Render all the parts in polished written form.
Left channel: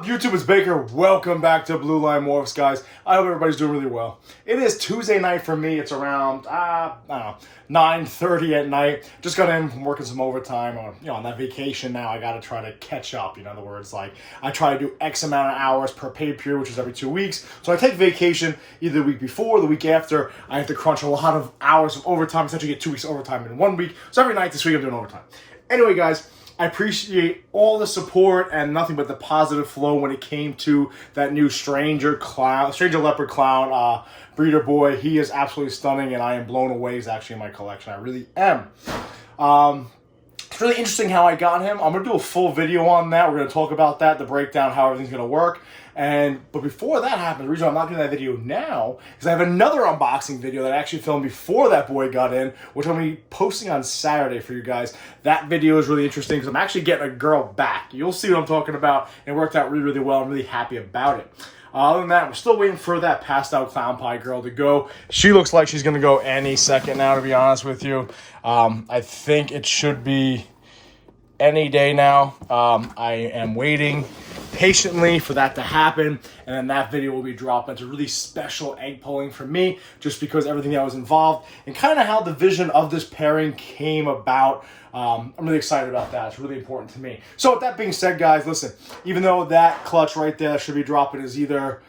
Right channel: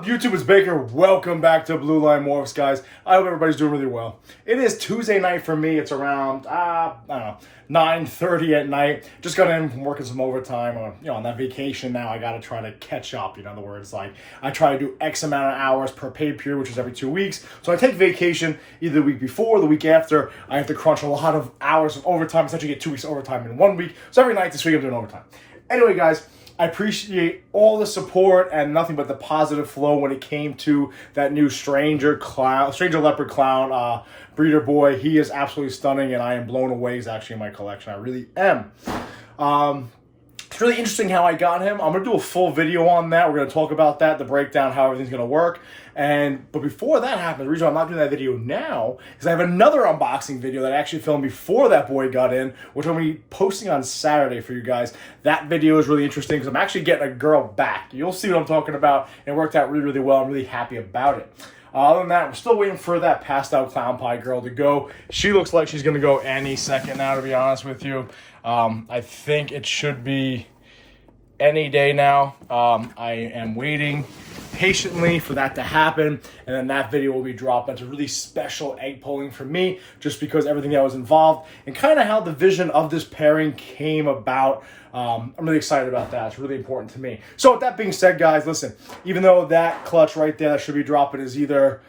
up, YouTube? It's Baker. Welcome back to Blue Line Morphs, guys. I hope everybody's doing really well. It is Tuesday night for me. It's around, I don't know, 9:30 at night. Just got in from working some overtime. On that vacation now, I got to try to catch up. In other words, like, I try to do X amount of hours per pay period, which is every 2 weeks. So I take vacation either the week before or the week after. I have to crunch a lot of hours of overtime. Essentially get 2 weeks overtime in 1 week. So every night this week I'm doing overtime. Anyway, guys, I appreciate all the support and nothing but the positive flow when it came to that new Stranger Leopard Clown breeder boy. He is absolutely stunning, and I am blown away. He's actually in my collection. I really am. It's really interesting how I got him. I'm going to do a full video on that. We're going to talk about that, the breakdown, how everything's going to work. But before that happens, the reason I'm not doing that video now is I have another unboxing video that I actually filmed before that boy got in, which I'm going to be posting on Saturday for you guys. That video is really interesting because I'm actually getting a girl back. You'll see what I'm talking about. It worked out really, really well. I'm really happy about it. Other than that, we're still waiting for that passed out clown pie girl to go. She looks like she's going to go any second now, to be honest with you. I think it should be any day now. I am waiting patiently for that to happen, and then that video will be dropped. That's a really special egg pulling for me, just because everything that was involved and kind of how the vision of this pairing came about. I'm really excited about that. It's really important to me. So with that being said, guys, listen, even though that clutch right there that should be dropping is either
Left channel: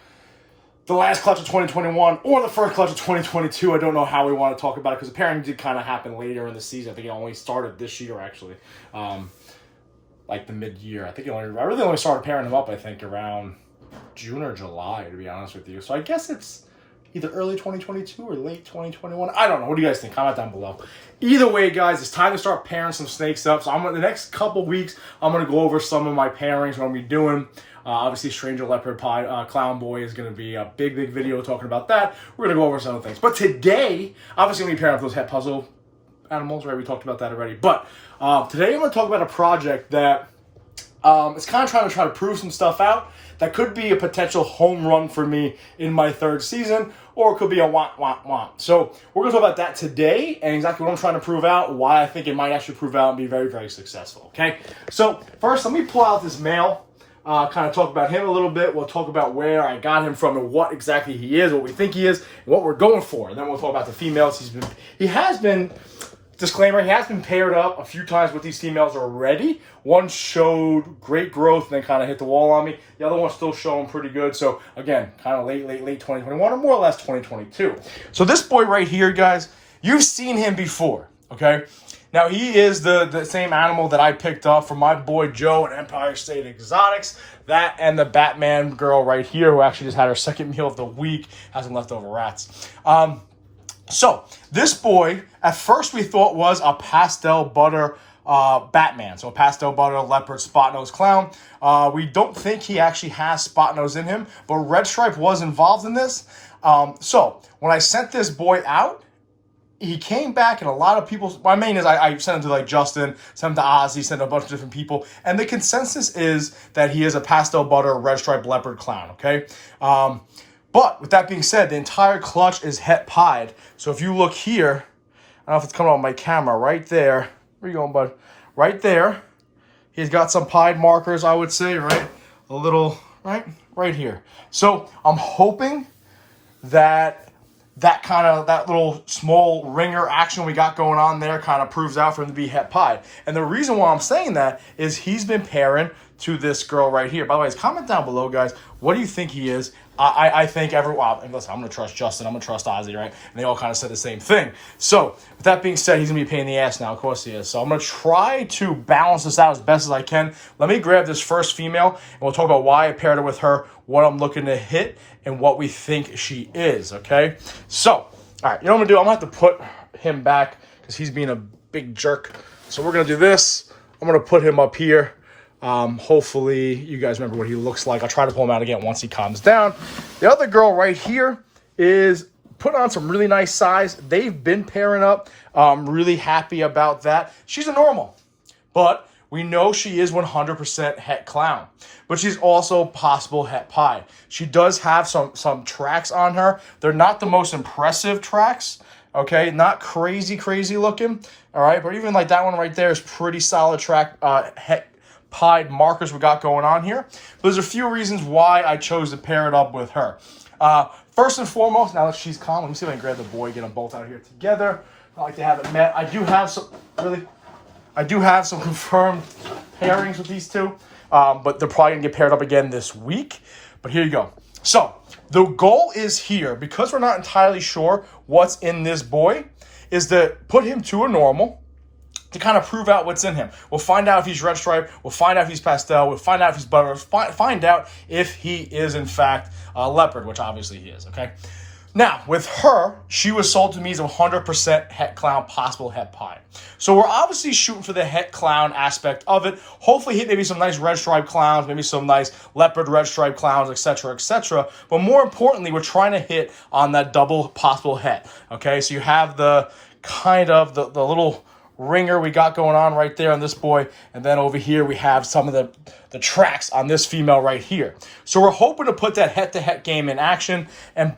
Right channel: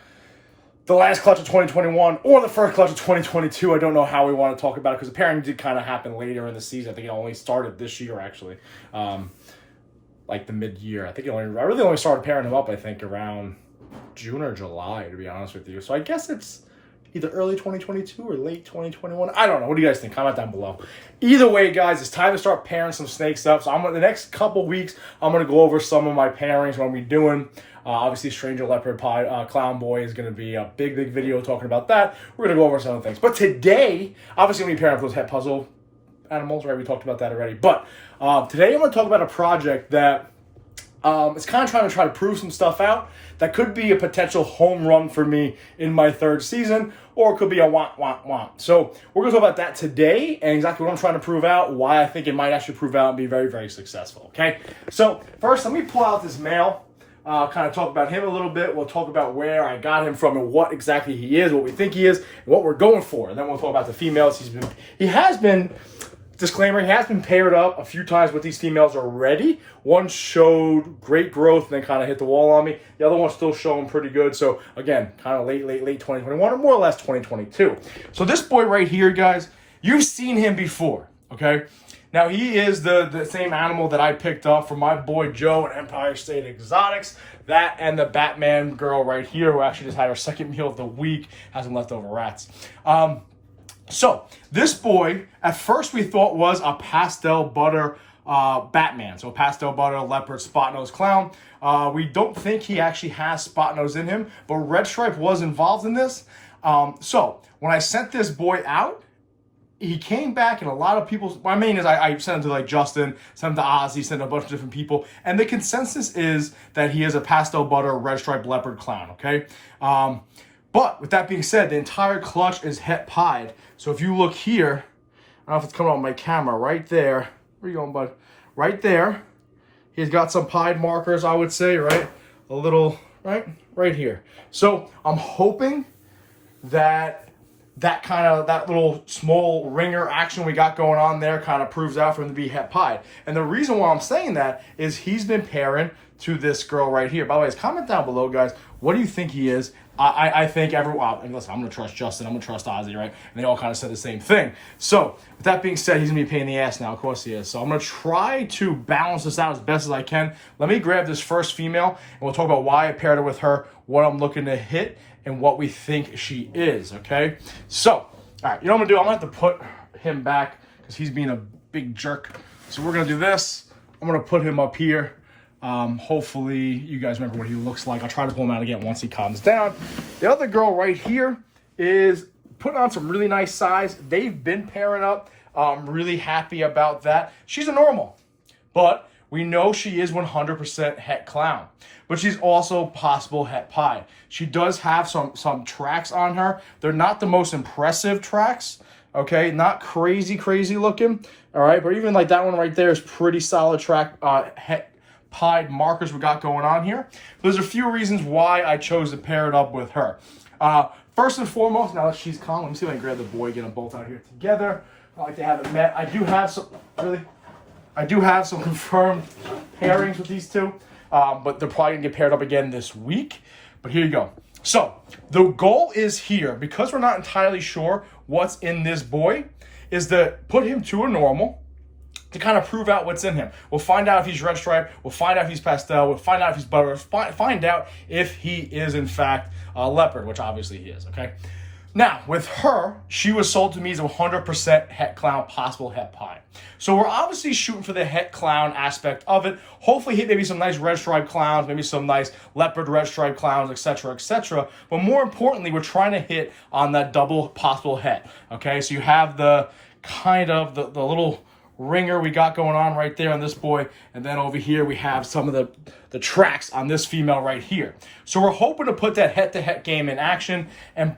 the last clutch of 2021 or the first clutch of 2022, I don't know how we want to talk about it, because the pairing did kind of happen later in the season. I think it only started this year, actually. Like the mid-year. I really only started pairing them up, I think, around June or July, to be honest with you. So I guess it's either early 2022 or late 2021. I don't know. What do you guys think? Comment down below. Either way, guys, it's time to start pairing some snakes up. So the next couple weeks, I'm going to go over some of my pairings, what I'm going to be doing. Obviously, Stranger Leopard Clown Boy is going to be a big, big video talking about that. We're going to go over some of the things. But today, obviously, I'm going to be pairing up those head puzzle animals, right? We talked about that already. But today, I'm going to talk about a project that is kind of trying to prove some stuff out. That could be a potential home run for me in my third season, or it could be a womp. So we're going to talk about that today and exactly what I'm trying to prove out, why I think it might actually prove out and be very, very successful, okay? So first, let me pull out this male, kind of talk about him a little bit. We'll talk about where I got him from and what exactly he is, what we think he is, and what we're going for. And then we'll talk about the females. He has been, disclaimer, he has been paired up a few times with these females already. One showed great growth and then kind of hit the wall on me. The other one's still showing pretty good. So again, kind of late 2021 or more or less 2022. So this boy right here, guys, you've seen him before, okay? Now he is the same animal that I picked up from my boy Joe at Empire State Exotics. That and the Batman girl right here, who actually just had her second meal of the week, has some leftover rats. So this boy, at first we thought was a pastel butter Batman. So pastel butter leopard spot nose clown. We don't think he actually has spot nose in him, but Red Stripe was involved in this. So when I sent this boy out, he came back, and a lot of people, my main is I sent him to like Justin, sent him to Ozzy, sent him to a bunch of different people, and the consensus is that he is a pastel butter red stripe leopard clown, okay? But with that being said, the entire clutch is het pied. So if you look here, I don't know if it's coming on my camera, right there. Where you going, bud? Right there. He's got some pied markers, I would say, right? A little, right here. So I'm hoping that that little small ringer action we got going on there kind of proves out for him to be het pied. And the reason why I'm saying that is he's been pairing to this girl right here. By the way, comment down below, guys. What do you think he is? I think and listen, I'm going to trust Justin. I'm going to trust Ozzy, right? And they all kind of said the same thing. So with that being said, he's going to be a pain in the ass now. Of course he is. So I'm going to try to balance this out as best as I can. Let me grab this first female, and we'll talk about why I paired her with her, what I'm looking to hit, and what we think she is, okay? So, all right, you know what I'm going to do? I'm going to have to put him back because he's being a big jerk. So we're going to do this. I'm going to put him up here. Hopefully you guys remember what he looks like. I'll try to pull him out again once he calms down. The other girl right here is put on some really nice size. They've been pairing up. I'm really happy about that. She's a normal, but we know she is 100% het clown, but she's also possible het pie. She does have some tracks on her. They're not the most impressive tracks, okay? Not crazy looking, all right? But even like that one right there is pretty solid track, het pied markers we got going on here. There's a few reasons why I chose to pair it up with her. First and foremost, now that she's calm, let me see if I can grab the boy, get them both out here together. I like to have it met. I do have some confirmed pairings with these two, but they're probably gonna get paired up again this week. But here you go. So the goal is here, because we're not entirely sure what's in this boy, is to put him to a normal to kind of prove out what's in him. We'll find out if he's red stripe. We'll find out if he's pastel. We'll find out if he's butter. Find out if he is in fact leopard, which obviously he is. Okay. Now with her, she was sold to me as 100% het clown, possible het pied. So we're obviously shooting for the het clown aspect of it. Hopefully hit maybe some nice red stripe clowns, maybe some nice leopard red stripe clowns, etc., etc. But more importantly, we're trying to hit on that double possible het. Okay, so you have the kind of the little ringer we got going on right there on this boy, and then over here we have some of the tracks on this female right here. So we're hoping to put that head-to-head game in action and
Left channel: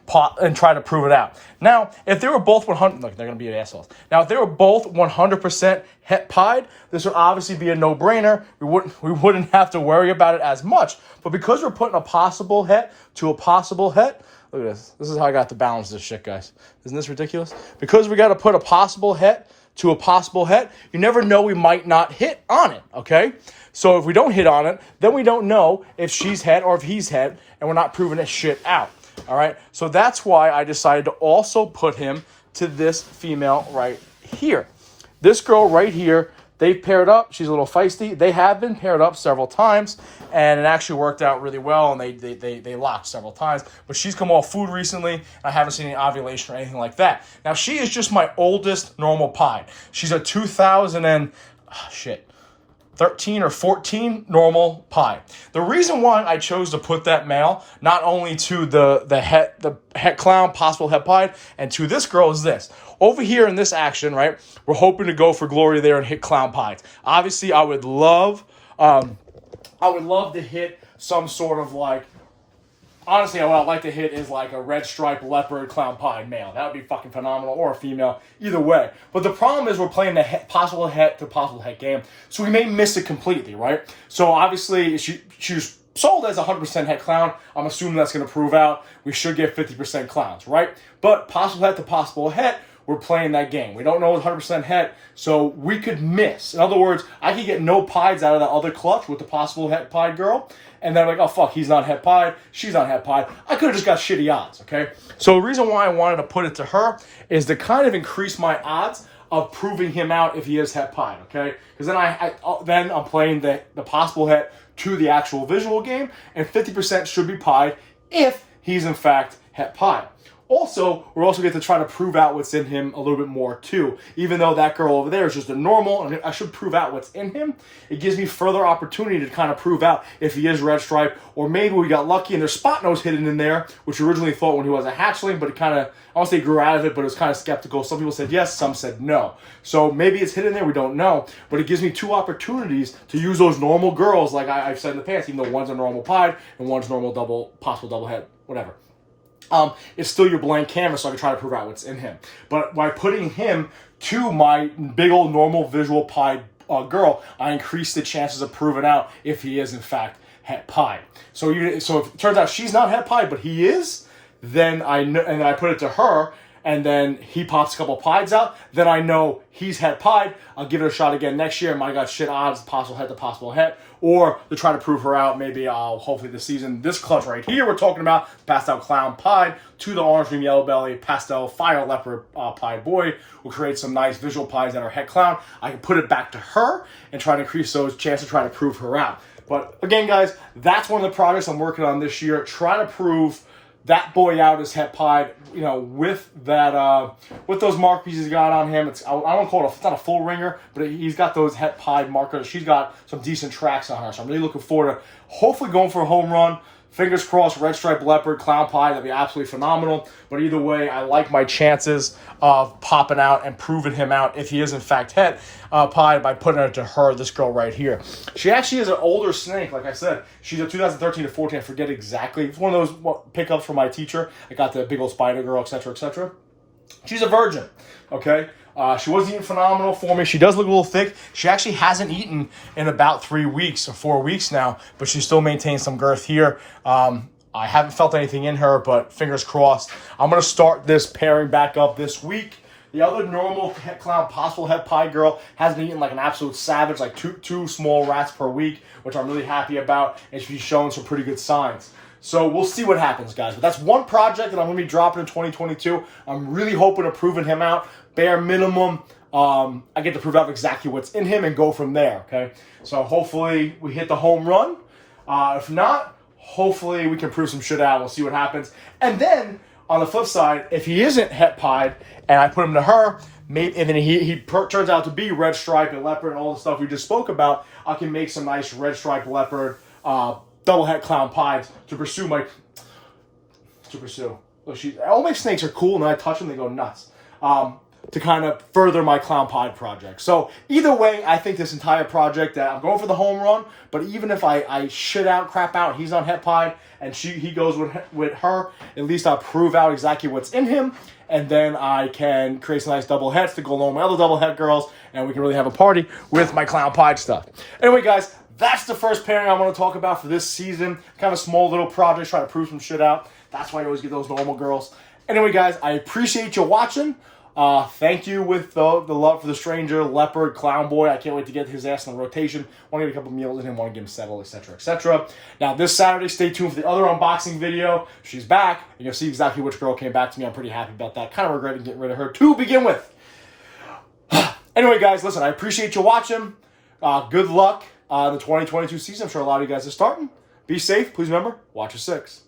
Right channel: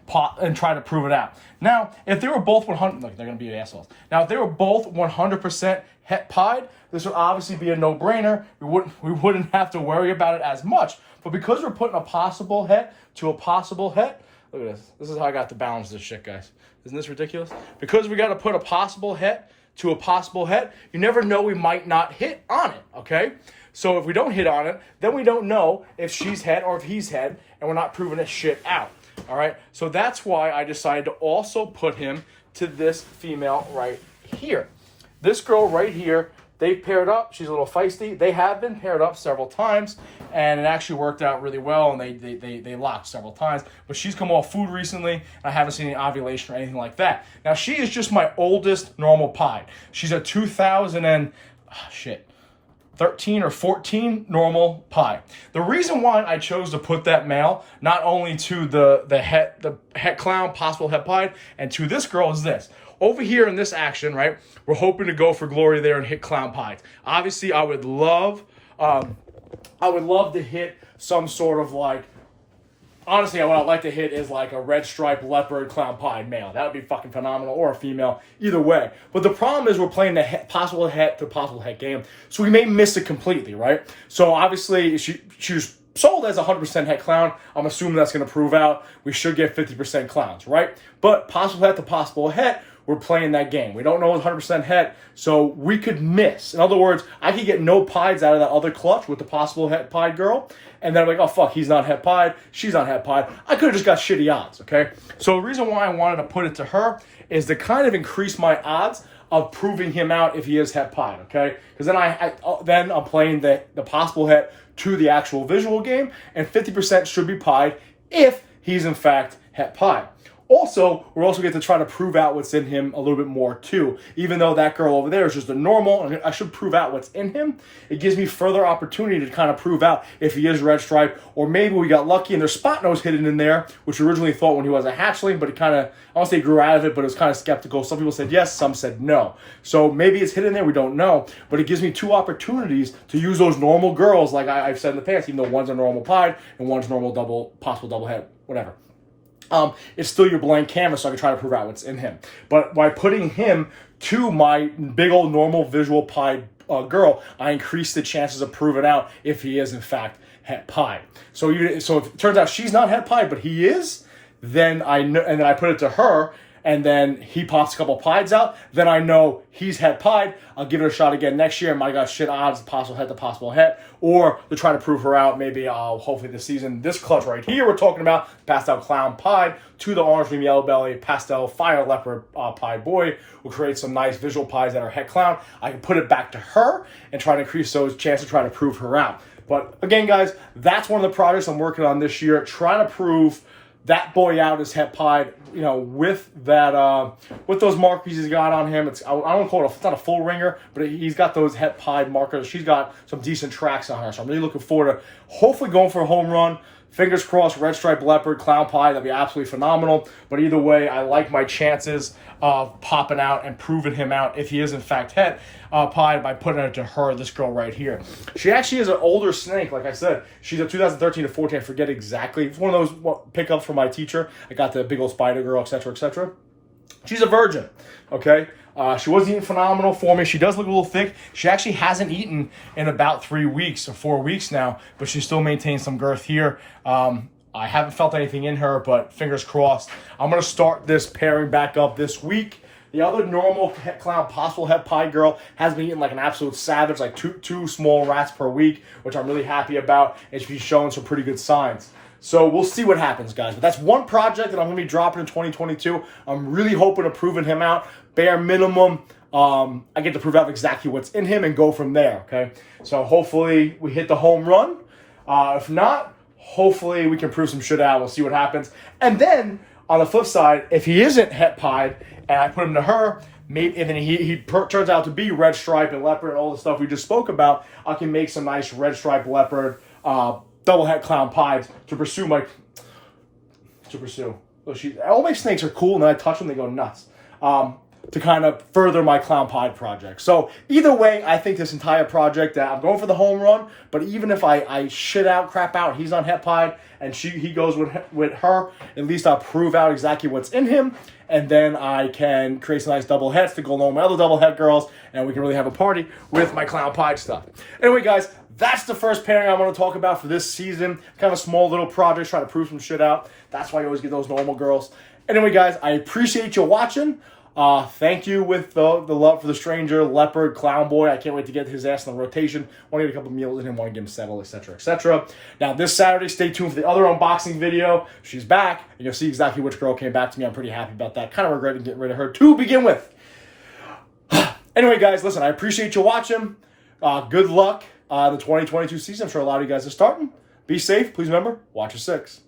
try to prove it out. Now, if they were both 100, look, they're gonna be assholes. Now, if they were both 100% het pied, this would obviously be a no-brainer. We wouldn't have to worry about it as much. But because we're putting a possible het to a possible het, look at this. This is how I got to balance this shit, guys. Isn't this ridiculous? Because we got to put a possible het to a possible het, you never know, we might not hit on it, okay? So if we don't hit on it, then we don't know if she's het or if he's het, and we're not proving this shit out, all right? So that's why I decided to also put him to this female right here. This girl right here, they paired up. She's a little feisty. They have been paired up several times, and it actually worked out really well, and they locked several times. But she's come off food recently, and I haven't seen any ovulation or anything like that. Now, she is just my oldest normal pied. She's a 13 or 14 normal pied. The reason why I chose to put that male not only to the het clown, possible het pied, and to this girl is this. Over here in this action, right, we're hoping to go for glory there and hit clown pies. Obviously, I would love to hit some sort of like, honestly, what I'd like to hit is like a red stripe leopard clown pied male. That would be fucking phenomenal, or a female, either way. But the problem is we're playing the possible het to possible het game, so we may miss it completely, right? So obviously, she's sold as 100% het clown. I'm assuming that's going to prove out. We should get 50% clowns, right? But possible het to possible het, we're playing that game. We don't know it's 100% het, so we could miss. In other words, I could get no pieds out of that other clutch with the possible het pied girl, and then I'm like, oh fuck, he's not het pied, she's not het pied. I could have just got shitty odds, okay? So the reason why I wanted to put it to her is to kind of increase my odds of proving him out if he is het pied, okay? Because then I'm playing the possible het to the actual visual game, and 50% should be pied if he's in fact het pied. Also, we're also going to try to prove out what's in him a little bit more too. Even though that girl over there is just a normal, and I should prove out what's in him, it gives me further opportunity to kind of prove out if he is red stripe, or maybe we got lucky and there's spot nose hidden in there, which we originally thought when he was a hatchling, but it kind of, I won't say grew out of it, but it was kind of skeptical. Some people said yes, some said no. So maybe it's hidden there, we don't know, but it gives me two opportunities to use those normal girls, like I've said in the past, even though one's a normal pied and one's normal possible double head, whatever. It's still your blank canvas, so I can try to prove out what's in him. But by putting him to my big old normal visual pied girl, I increase the chances of proving out if he is in fact het pied. So if it turns out she's not het pied, but he is, then I know, and then I put it to her, and then he pops a couple pieds out, then I know he's het pied. I'll give it a shot again next year. My God, shit odds, possible het to possible het. Or to try to prove her out, maybe I'll hopefully this season, this clutch right here we're talking about, pastel clown pied to the orange dream yellow belly, pastel fire leopard pied boy, will create some nice visual pies that are het clown. I can put it back to her and try to increase those chances to try to prove her out. But again, guys, that's one of the projects I'm working on this year, trying to prove that boy out is het pied, you know, with that, with those mark pieces he got on him. I don't call it it's not a full ringer, but he's got those het pied markers. She's got some decent tracks on her, so I'm really looking forward to hopefully going for a home run. Fingers crossed, red stripe leopard, clown pie, that'd be absolutely phenomenal. But either way, I like my chances of popping out and proving him out if he is in fact het pie by putting it to her, this girl right here. She actually is an older snake, like I said. She's a 2013 to 14, I forget exactly. It's one of those pickups from my teacher. I got the big old spider girl, etc., etc. She's a virgin, okay? She was eating phenomenal for me. She does look a little thick. She actually hasn't eaten in about 3 weeks or 4 weeks now, but she still maintains some girth here. I haven't felt anything in her, but fingers crossed. I'm going to start this pairing back up this week. The other normal clown, possible het pied girl, has been eating like an absolute savage, like two small rats per week, which I'm really happy about, and she's showing some pretty good signs. So we'll see what happens, guys. But that's one project that I'm going to be dropping in 2022. I'm really hoping to proving him out. Bare minimum, I get to prove out exactly what's in him and go from there, okay? So hopefully we hit the home run. If not, hopefully we can prove some shit out. We'll see what happens. And then, on the flip side, if he isn't het pied and I put him to her, maybe, and then he turns out to be red stripe and leopard and all the stuff we just spoke about, I can make some nice red stripe leopard double het clown pies to pursue. All my snakes are cool, and then I touch them, they go nuts. To kind of further my clown pied project. So either way, I think this entire project, I'm going for the home run, but even if I shit out, crap out, he's on het pied, and he goes with her, at least I'll prove out exactly what's in him, and then I can create some nice double hets to go along with my other double het girls, and we can really have a party with my clown pied stuff. Anyway, guys, that's the first pairing I want to talk about for this season. Kind of a small little project, trying to prove some shit out. That's why I always get those normal girls. Anyway, guys, I appreciate you watching. Thank you with the love for the stranger, leopard, clown boy. I can't wait to get his ass in the rotation. Want to get a couple meals in him, want to get him settled, etc., etc. Now, this Saturday, stay tuned for the other unboxing video. She's back, and you'll see exactly which girl came back to me. I'm pretty happy about that. Kind of regretting getting rid of her to begin with. Anyway, guys, listen, I appreciate you watching. Good luck in the 2022 season. I'm sure a lot of you guys are starting. Be safe. Please remember, watch your 6.